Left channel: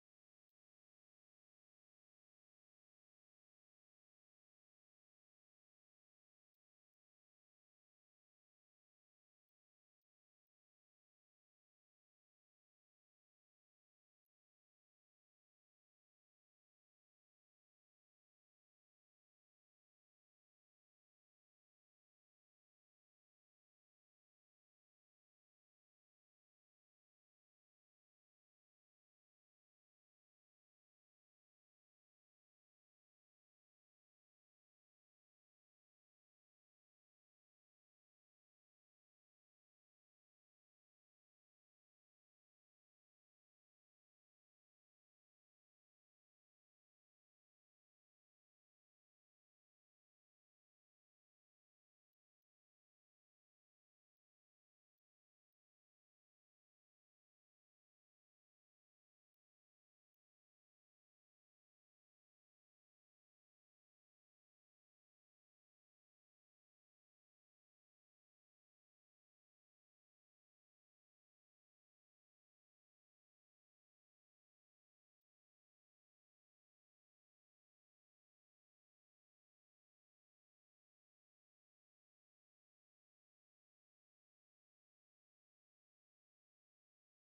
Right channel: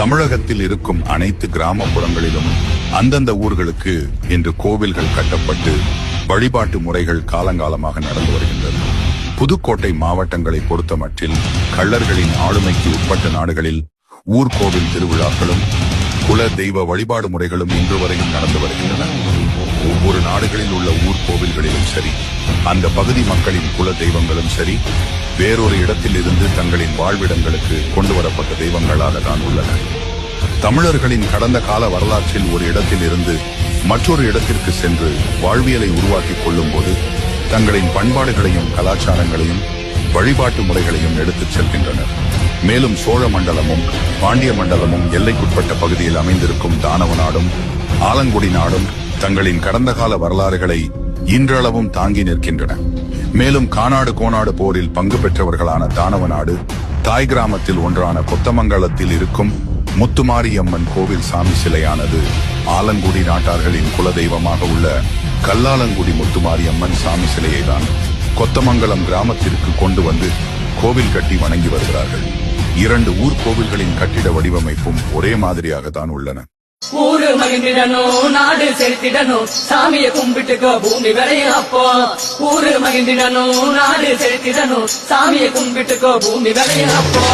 தமிழகத்தில் இருக்கும் அனைத்து கிராமப்புறங்களிலும் அந்தந்த ஊர்களுக்கு இன்று கோவில்கள் கட்டப்பட்டு வழிபாட்டு முறைகள் காலங்காலமாக நடந்து வருகின்றன. புதுக்கோட்டை மாவட்டங்களை பொறுத்தமட்டில் கள்ளர்களின் ஆளுமைக்கு உட்பட்ட நாடுகளில் ஊர்கோவில் திருவிழாக்களும் குல தெய்வ வழிபாடு முறைகளும் இன்று வரையும் நடந்து வருகின்றன. ஒவ்வொரு நாடுகளில் உள்ள ஊர்கோவில்களிலும் சரி, அந்த பகுதி மக்களின் குல தெய்வங்களும் சரி, வேறொரு இடத்தில் இருந்து தங்களின் வாழ்விடங்களுக்கு கொண்டு வரப்பட்ட தெய்வங்களாக தான் உள்ளன. தமிழர்களின் கடந்த கால வரலாற்றில் ஒரு இடத்தில் இருந்து மற்றொரு இடத்திற்கு சென்று வாழ்வியலை உருவாக்கிக் கொள்ளும் போது தங்களின் பண்பாடுகளையும் கலாச்சாரங்களையும் வழிபாட்டு முறைகளையும் எடுத்துச் செல்கின்றனர். மேலும் சோழ மண்டலமும் பாண்டிய மண்டலமும் எல்லைக்குட்பட்ட பகுதியில் அமைந்திருக்கும் தானவ நாடும் ஆலங்குடி நாடும் தங்களின் கடந்த கால வரலாறுகளை இன்றளவும் தாங்கி நிற்கின்றன. மேலும் கானாடு கோனாடு போரில் பங்கு பெற்றவர்களான தானவ நாடு தாய் கிராமத்தில் ஒன்றான கொத்தமங்கலத்தில் இருக்கும் முத்துமாரியம்மன் கோவில் சாமி சிலையானது ஆலங்குடி நாட்டார்களின் குலதெய்வமாக உள்ள கல்லாலங்குடி முத்துமாரியம்மன் சாமி சிலையை தான் கொத்தமங்கலம் கிராமத்திற்கு கொண்டு வந்து கோவில் கட்டி வணங்கி வருகிறார்கள். இரண்டு ஊர் கோவில்களின் கட்டிட வடிவமைப்பும் ஒரே மாதிரியாக தான் உள்ளன. ஊரு மகிழ்ந்திடணும், நாடு செலுத்திடணும், சாமிய கும்பிட்டுக்கோ பூமி விளையும் அப்போ. ஊரு மகிழ்ந்திடணும், நாடு செலுத்திடணும், சாமிய கும்பிட்டுக்கோ பூமி விளையும் அப்போ.